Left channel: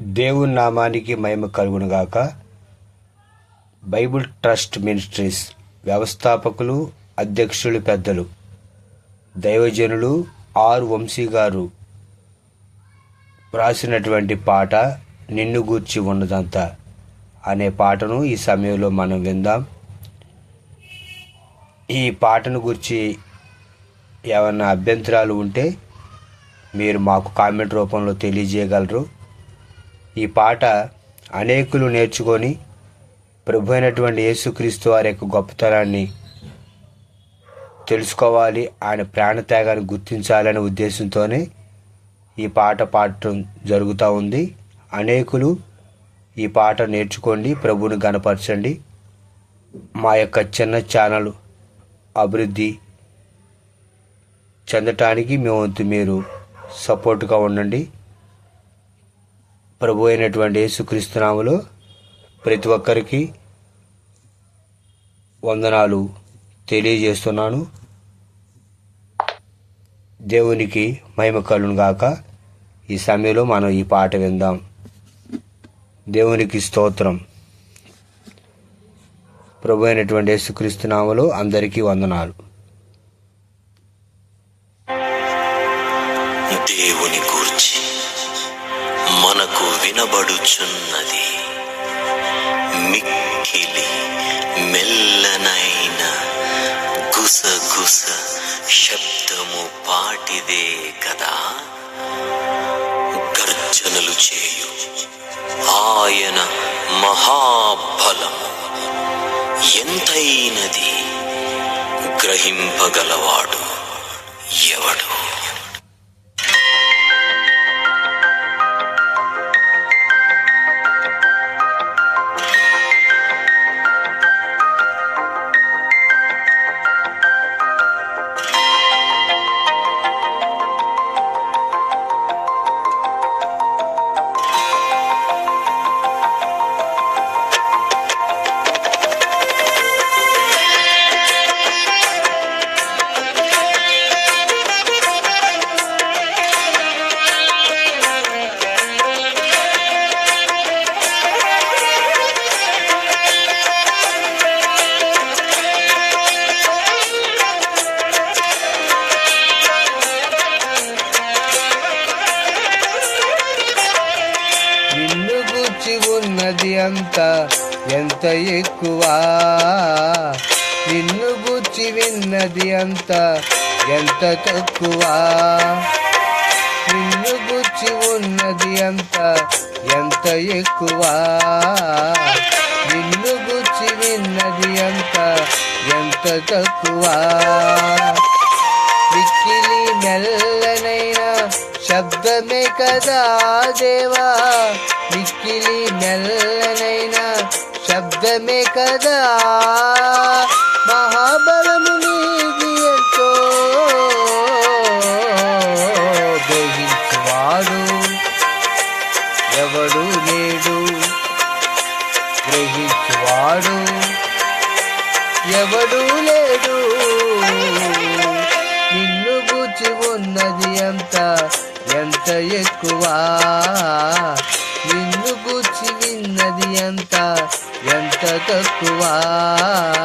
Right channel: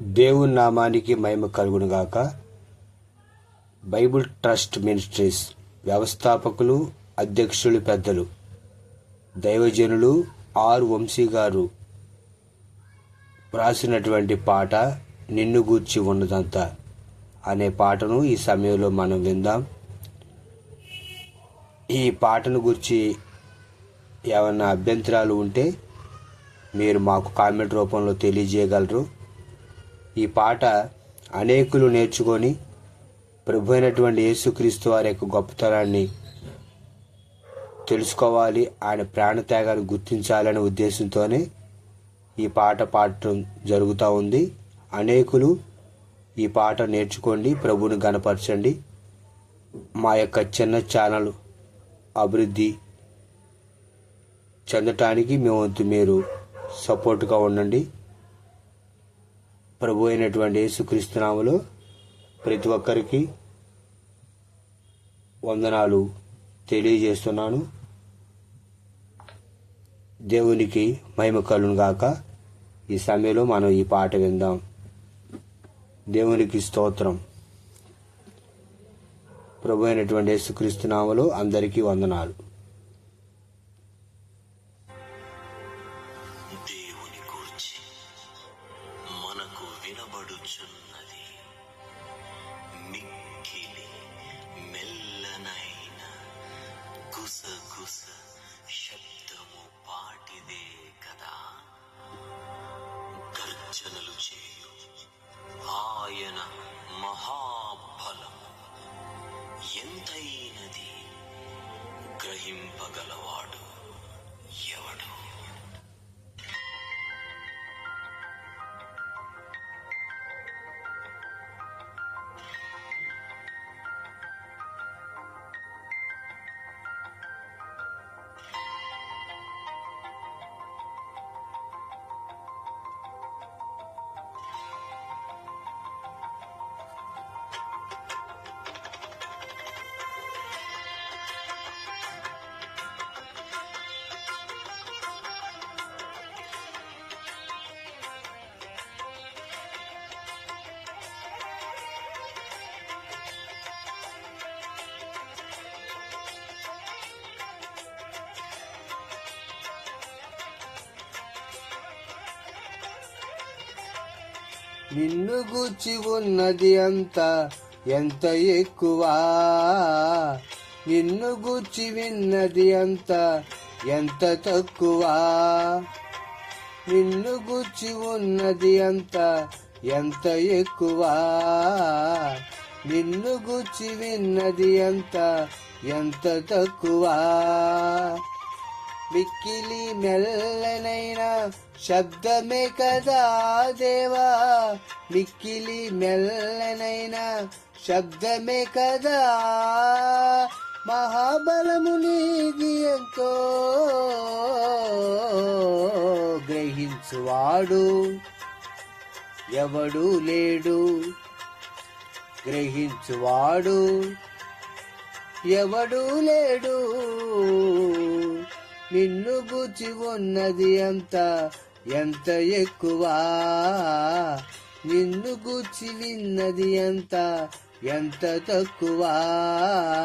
దేవుని నామానికి మహిమ కలుగునుగాక. బైబిల్ ట్రస్ట్ మినిస్ట్రీస్ వ్యవస్థాపకులు అధ్యక్షులు పెద్దలు దైవజనులు ఆర్ వంశీ గారు వ్రాసినటువంటి పాట నిన్ను గూర్చి ఉన్నదంతా అనే పాటను ఈ సమయంలో మనం విందాం. ఈ పాటను గురించి ఏమైనా అభ్యంతరాలు ఉంటే మీరు మాకు కామెంట్ రూపంలో తెలియజేయగలరు. ఈ పాట అనేకులు నేర్చుకొని ప్రభు అయినటువంటి యేసుక్రీస్తు వారి యొక్క గొప్పతనాన్ని తెలుసుకోవాలి ఆయన ప్రాణత్యాగాన్ని గుర్తించాలనే ఉద్దేశంతోనే ఈ పాట పాడటం జరుగుతూ ఉంది. అనేకులు ఈ పాట నేర్చుకోండి ప్రభుని గనపరచండి మా యొక్క చిన్న ఛానల్ అభివృద్ధి చెందటానికి మేము వంతు మీరు సపోర్ట్గా ఉండండి. ప్రభు అయినటువంటి యేసుక్రీస్తునాములో ప్రతి ఒక్కరికి వందనాలు తెలియజేస్తున్నాను. దేవునికి మహిమ గాక. ఈ సమయంలో మనం ఈ పాట విందాం. దేవునికి స్తోత్రం. ప్రభు అయినటువంటి యేసుక్రీస్తునామలో అందరికీ వందనాలు. దేవుని గురించి వినబడుచున్నది. మిక్కిలి మెల్లనైన గుసగుస శబ్దము పాటిదే కదా. గర్జనలు చేయు ఆయన మహాబలము ఎంతైనది గ్రహింపగలవాడు ఎవడు? ఎంత ఎంత ఎక్కువ? నిన్ను గుచ్చి విన్నది అంత ఎంత తక్కువ? నిన్ను గుచ్చి ఉన్నది అంత ఎంత ఎక్కువ? నిన్ను గుచ్చి విన్నది అంత ఎంత తక్కువ? మిక్కిలి మెల్లనైనా శబ్దమే కదా దేవా? మిక్కిలి మెల్ల శబ్దమే కదా. మహాబలము నీది ఎంతో గ్రహించువాడు ఎవడు లేడు గ్రహించువాడు. ఎవడు లేడు నిన్ను గుచి ఉన్నది ఎంత ఎంత ఎక్కువ? ఎంత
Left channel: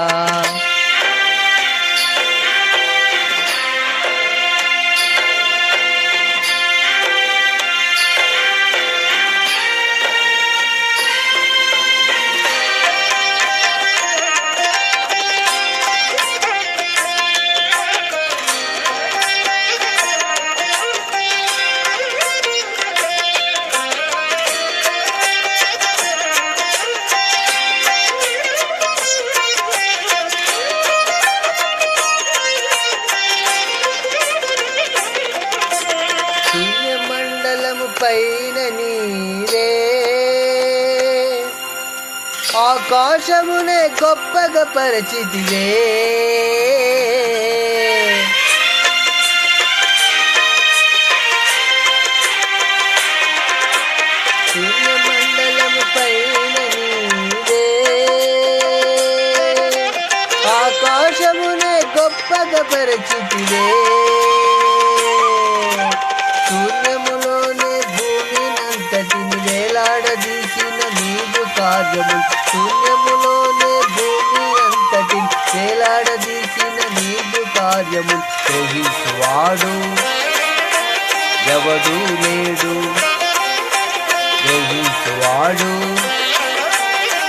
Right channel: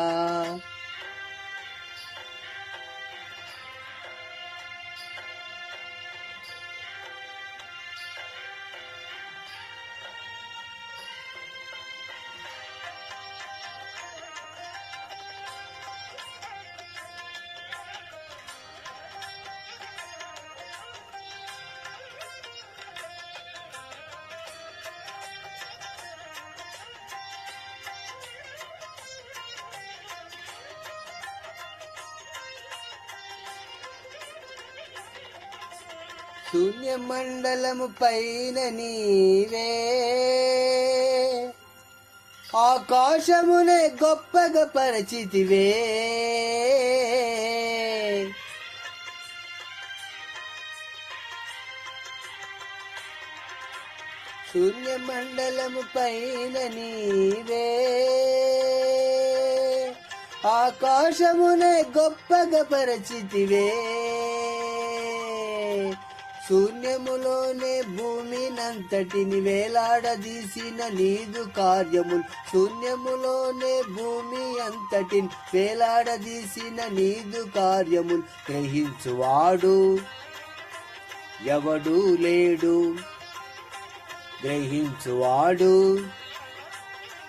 పైన నీరే. ఆకాశమునే గొప్పగా పరిచితివే సూర్యమండలము పైన నీరే. ఆకాశమునే గొప్పగా పరిచితివే సూర్య కార్యము శూన్యములోనే భూమి అంతటి వేలాడదీసిన నీదు కార్యము. గ్రహించువాడు. ఎవడు లేడు. గ్రహించువాడు.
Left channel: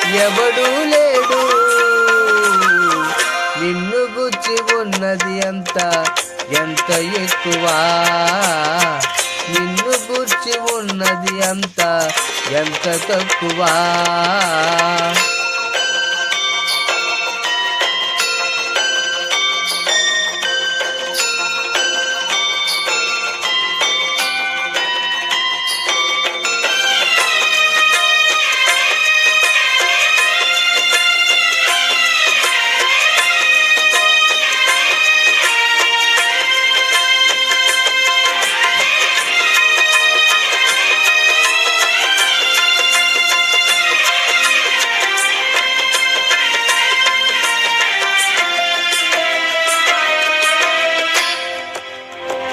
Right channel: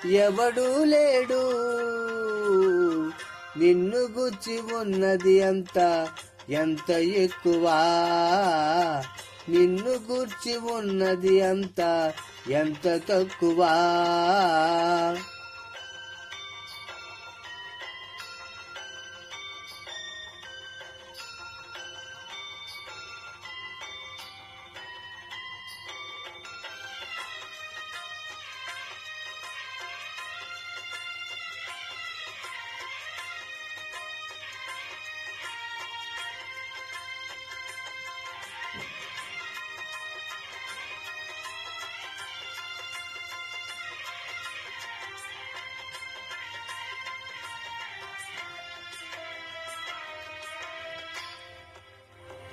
ఎవడు లేడు. నిన్ను గుచ్చి ఉన్నది అంత ఎంత ఎక్కువ? నిన్ను గుర్చి ఉన్నది అంత ఎంత తక్కువ?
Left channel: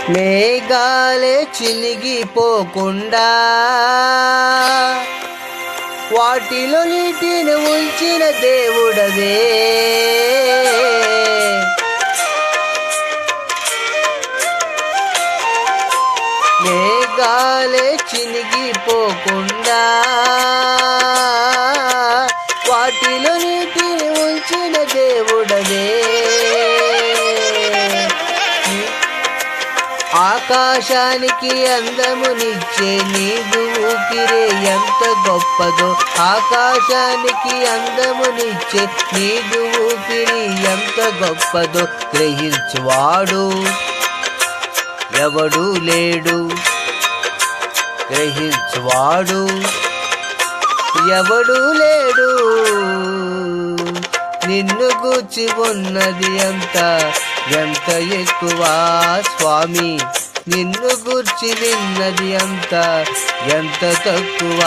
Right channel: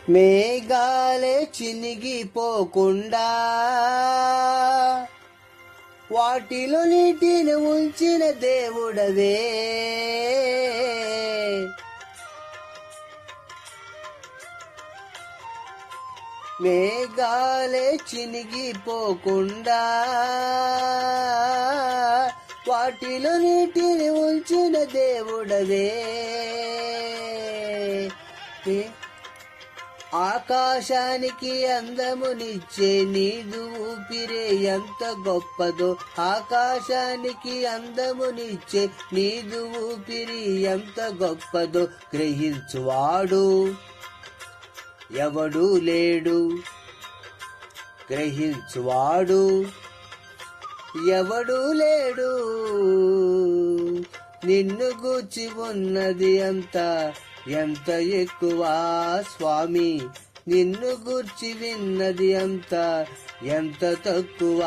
మేఘాలే చినిగిపోకుండా వాటిలో నీటిని ఉంచిన దేవుడవే. మేఘాలే చినిగిపోకుండా వాటిలో నీటిని ఉంచిన దేవుడవే. ఆకాశానికి అందమునిచ్చే నీదు ఊపిరే ఎంత గొప్పదో. ఆకాశానికి అందమునిచ్చే నీదు ఊపిరి ఎంత గొప్పదో. గ్రహించువాడు ఎవడు లేడు. గ్రహించువాడు ఎవడు లేడు. నిన్ను గూచి ఉన్నది ఎంత ఎంత ఎక్కువ స్వామి. నిన్ను గూర్చి విన్నది అంత ఎంత తక్కువ?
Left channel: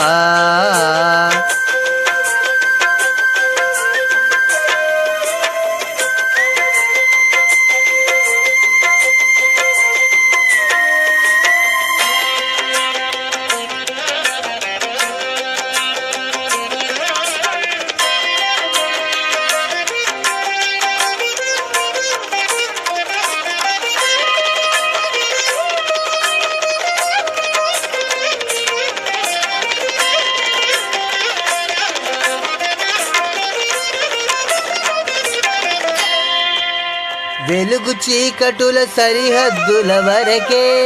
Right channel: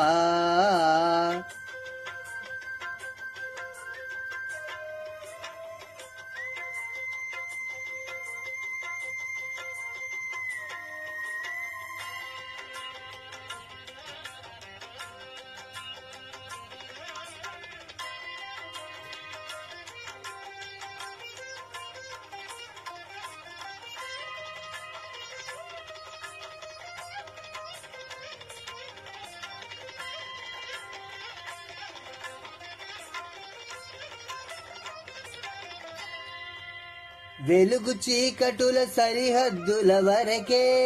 వెలుగు చీకటుల సరిహద్దుల వరకే.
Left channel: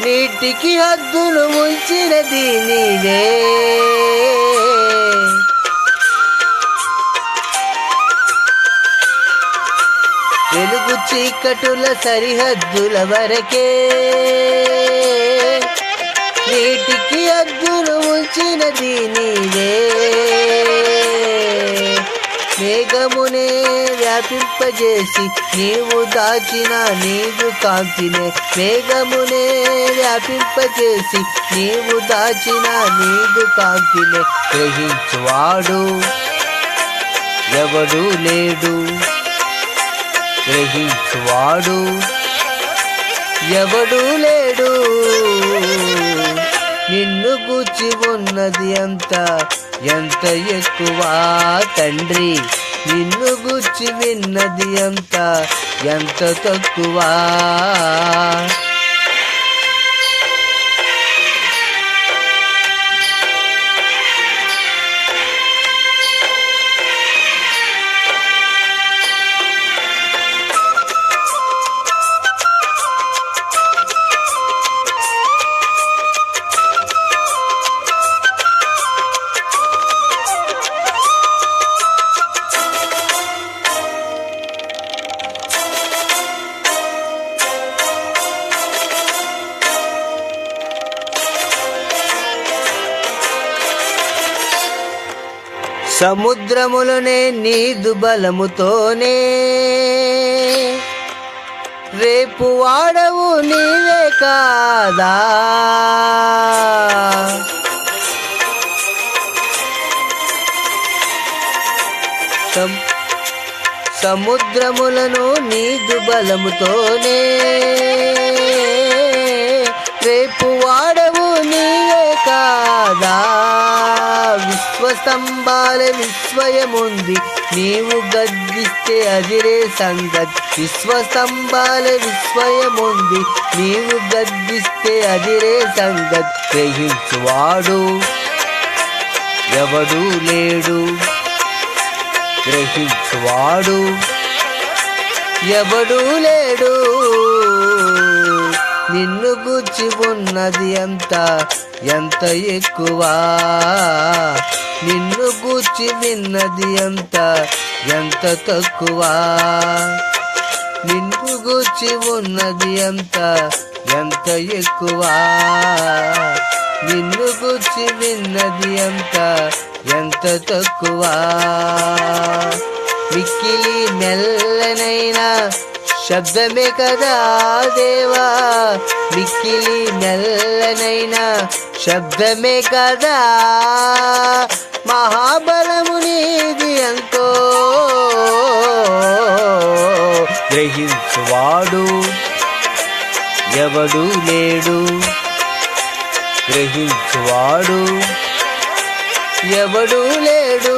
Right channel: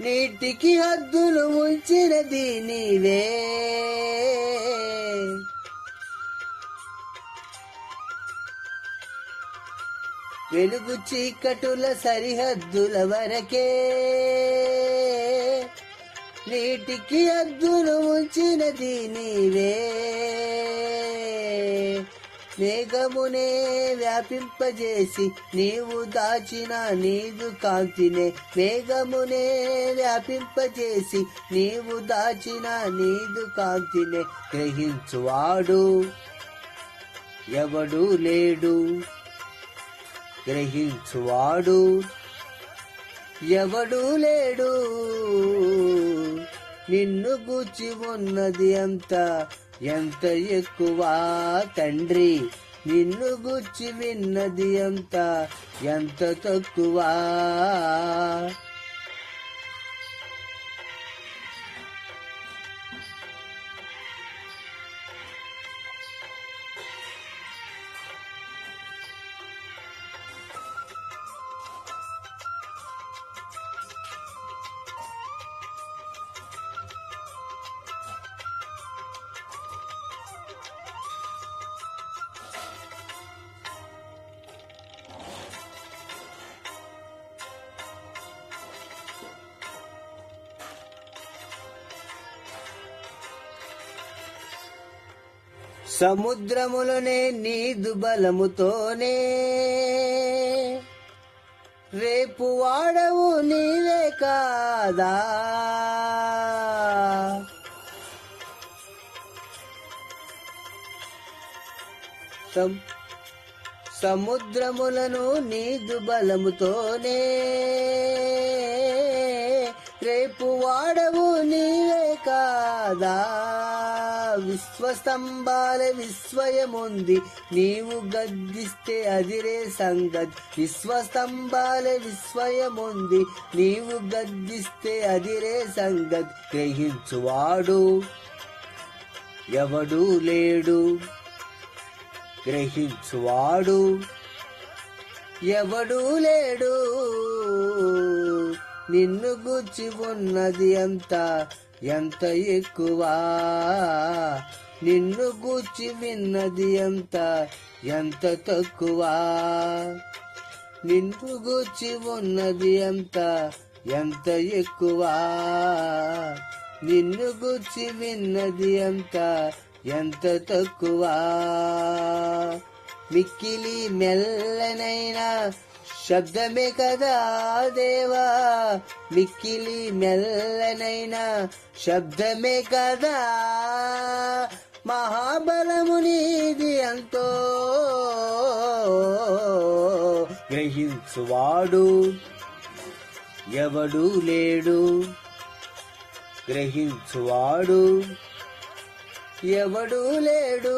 నీటికి హద్దులు ముంచినది నీవే. వెలుగు చీకటుల సరిహద్దుల వరకే. నీటికి హద్దులు ముంచినది నీవే. మేఘమునే వ్యాపింపజేసి నీవు దాచిన నీవు కాంతినే మేఘమునే వ్యాపింపజేసి నీవు దాచిన నీవు కాంతినే గ్రహించువాడు. ఎవడు లేడు. గ్రహించువాడు. ఎవడు లేడు. నిన్ను గూచి ఉన్నది ఎంత? ఎంత ఎక్కువ తండ్రి? నిన్ను గూచి విన్నది ఎంత? ఎంత తక్కువ? సముద్రములనే నీదు బలముతోనే. రేపు వాడవు నీవే కాదా. సముద్రములను నీదు బలముతోనే. రేపు వాడ స్తంభాల విశ్వయముంది. నీవు గద్దిస్తే అదిరే సంగతి. విశ్వస్తంభాల విశ్వయముంది. నీవు గద్దిస్తే అదిరే సంగతి. గ్రహించువాడు ఎవడు లేడు. గ్రహించువాడు ఎవడు లేడు. నిన్ను గుచ్చి ఉన్నది ఎంత? ఎంత ఎక్కువ? నిన్ను గూర్చి విన్నది ఎంత ఎంత తక్కువ? నిన్ను గూర్చి ఉన్నది ఎంత ఎంత ఎక్కువ? నిన్ను గూర్చి విన్నది ఎంత ఎంత తక్కువ? మిక్కిలి మెల్లనైనా శబ్దమే కదా దేవా? మిక్కిలి మెల్లనైనా శబ్దమే కదా మహాబలము నీది ఎంతో. గ్రహించువాడు ఎవడు లేడు. గ్రహించువాడు ఎవడు లేడు.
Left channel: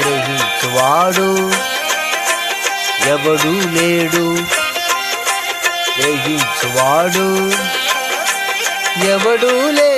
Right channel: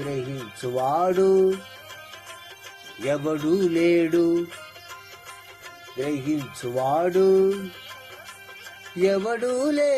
గ్రహించువాడు ఎవడు లేడు. గ్రహించువాడు ఎవడు లేడు.